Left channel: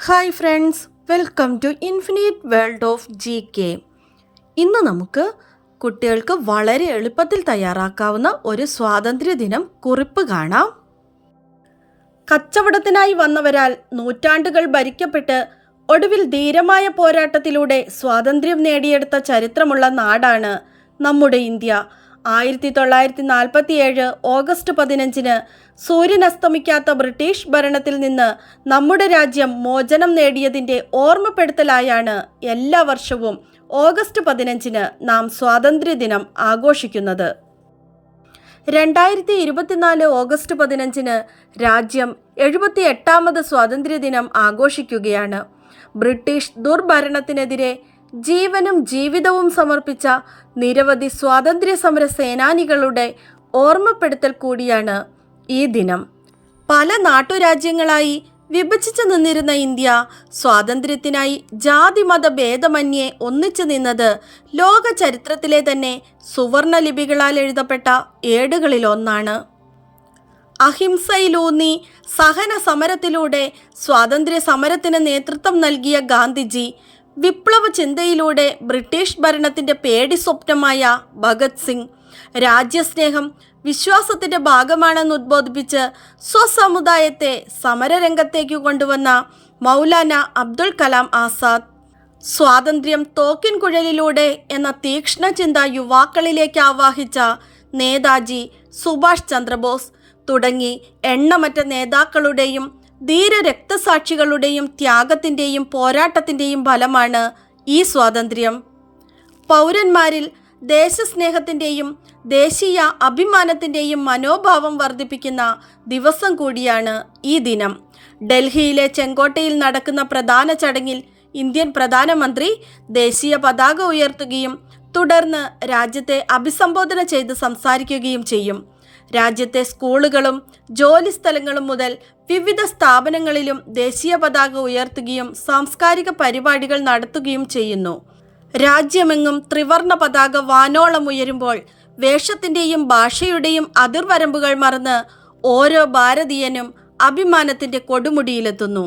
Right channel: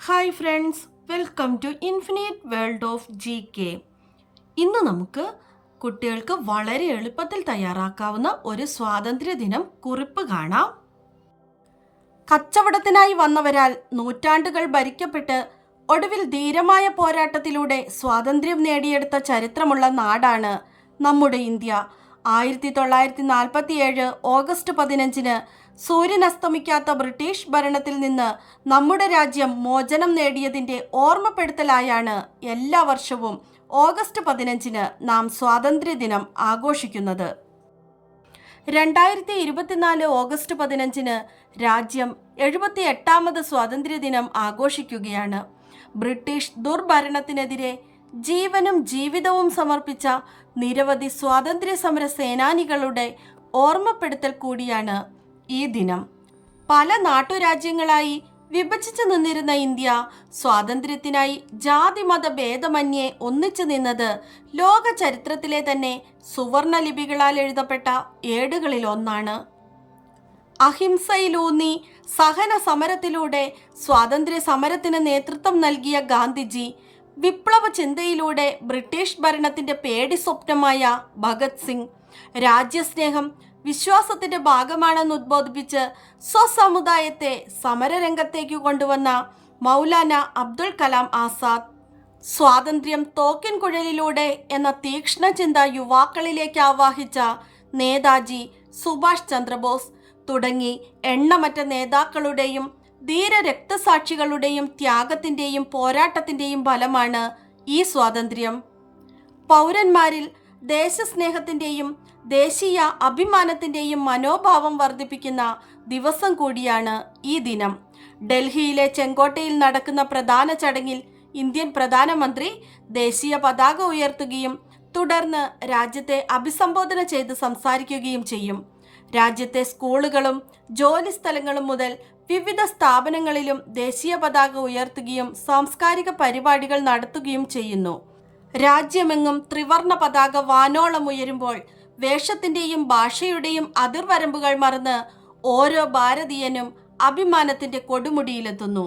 Hi friends welcome to infinite world of G K ഇന്ന് നമുക്ക് കുട്ടികൾക്ക് വളരെ എളുപ്പത്തിൽ തയ്യാറാക്കാവുന്ന ഒരു സ്വാതന്ത്ര്യദിനം കുറിപ്പ് കാണാം. കച്ചവടത്തിനായി വന്നവരാൽ നൂറ്റാണ്ടുകൾ ഭരിക്കപ്പെട്ട് ഒടുവിൽ ധീരമായ പോരാട്ടത്തിലൂടെ സ്വാതന്ത്ര്യം നേടിയെടുത്ത ചരിത്രമുള്ള നാടാണ് നമ്മുടെ ഇന്ത്യ. ആയിരത്തി തൊള്ളായിരത്തി നാൽപ്പത്തിയേഴ് ഓഗസ്റ്റ് പതിനഞ്ചിന് സൂര്യൻ അസ്തമിക്കാത്ത ബ്രിട്ടീഷ് ഭരണത്തിൽ നിന്ന് നമ്മുടെ രാജ്യം മോചനം നേടിയതിന്റെ ഓർമ്മപ്പെടുത്തലായാണ് എല്ലാ വർഷവും ഓഗസ്റ്റ് പതിനഞ്ചിന് നാം സ്വാതന്ത്ര്യദിനം ആഘോഷിക്കുന്നത്. രണ്ടായിരത്തി ഇരുപത്തിനാല് ഓഗസ്റ്റ് പതിനഞ്ചിന് രാജ്യം എഴുപത്തി എട്ടാമത് സ്വാതന്ത്ര്യദിനം ആഘോഷിക്കുകയാണ്. ബ്രിട്ടീഷ് ദുർഭരണത്തിനെതിരെ ജീവനും ജീവിതവും സമർപ്പിച്ച നിരവധി സ്വാതന്ത്ര്യ സമര സേനാനികളുടെ ഓർമ്മപ്പെടുത്തൽ കൂടിയാണ് ഈ ദിനം. പല നാട്ടുരാജ്യങ്ങളായി വിഭജിച്ചു നിന്നിരുന്ന ഇന്ത്യ സ്വാതന്ത്ര്യത്തിനായി ജാതിമത ഭേദമന്യേ ഒന്നിച്ചു നിന്നത് ലോക ചരിത്രത്തിലെ തന്നെ സുവർണ ലിപികളാൽ എഴുതപ്പെട്ട ഏടുകളിലൊന്നാണ്. അഹിംസയിലൂന്നി സഹന സമരത്തിലൂടെ സ്വാതന്ത്ര്യ സമരത്തിന് നേതൃത്വം നൽകിയ ഗാന്ധിജി വിപ്ലവ ചിന്തയിലൂടെ ബ്രിട്ടീഷ് ഭരണത്തിന്റെ പേടി സ്വപ്നമായ ഭഗത് സിംഗ്. രാജ്യസ്നേഹം വിശ്വാസത്തിന്റെ ഭാഗമാണെന്ന് ഉദ്ബോധിപ്പിച്ച് സ്വസമുദായത്തെ സമരരംഗത്തേക്ക് കൊണ്ടുവന്ന മൗലാന അബ്ദുൽ കലാം ആസാദ്. സ്വാതന്ത്ര്യം തോക്കിൻ കുഴലിലൂടെ എന്ന തീക്ഷ്ണ ചിന്ത യുവാക്കളിലേക്ക് ആവാഹിച്ച നേതാജി സുഭാഷ് ചന്ദ്രബോസ് തുടങ്ങി എണ്ണമറ്റ നേതാക്കളുടെയും ധീര രക്തസാക്ഷികളുടെയും ത്യാഗത്തിന്റെയും പോരാട്ടത്തിന്റെയും ഫലമാണ് ഈ സ്വാതന്ത്ര്യം. പൗരന്മാരിൽ ദേശസ്നേഹത്തിന്റെയും ദേശീയ അഭിമാനത്തിന്റെയും മനോഭാവം വർദ്ധിപ്പിക്കുന്ന ദിവസം കൂടിയാണ് ഈ ദിനം. ഡൽഹിയിലെ ചെങ്കോട്ടയിൽ നടക്കുന്ന പ്രധാന ചടങ്ങിൽ ഇന്ത്യൻ പ്രധാനമന്ത്രി ദേശീയ പതാക ഉയർത്തുകയും തുടർന്ന് രാജ്യത്തെ അഭിസംബോധന ചെയ്ത് സംസാരിക്കുകയും ചെയ്യും. രാജ്യത്തെ സ്കൂളുകളും ജോലി സ്ഥലങ്ങളും മുതൽ വിവിധ സ്ഥാപനങ്ങളിലും ദേശീയ പതാക ഉയർത്തുകയും സാംസ്കാരിക പരിപാടികൾ നടത്തുകയും ചെയ്യുന്നു. രാജ്യമെങ്ങും ത്രിവർണ പതാക വാനോളം ഉയരുമ്പോൾ വേഷത്തിന്റെയും ഭാഷയുടെയും അതിർവരമ്പുകൾ മറന്ന് ഓരോ ഭാരതീയനും അഭിമാനത്തിന്റെ കൊടുമുടിയിലെത്തുന്നു.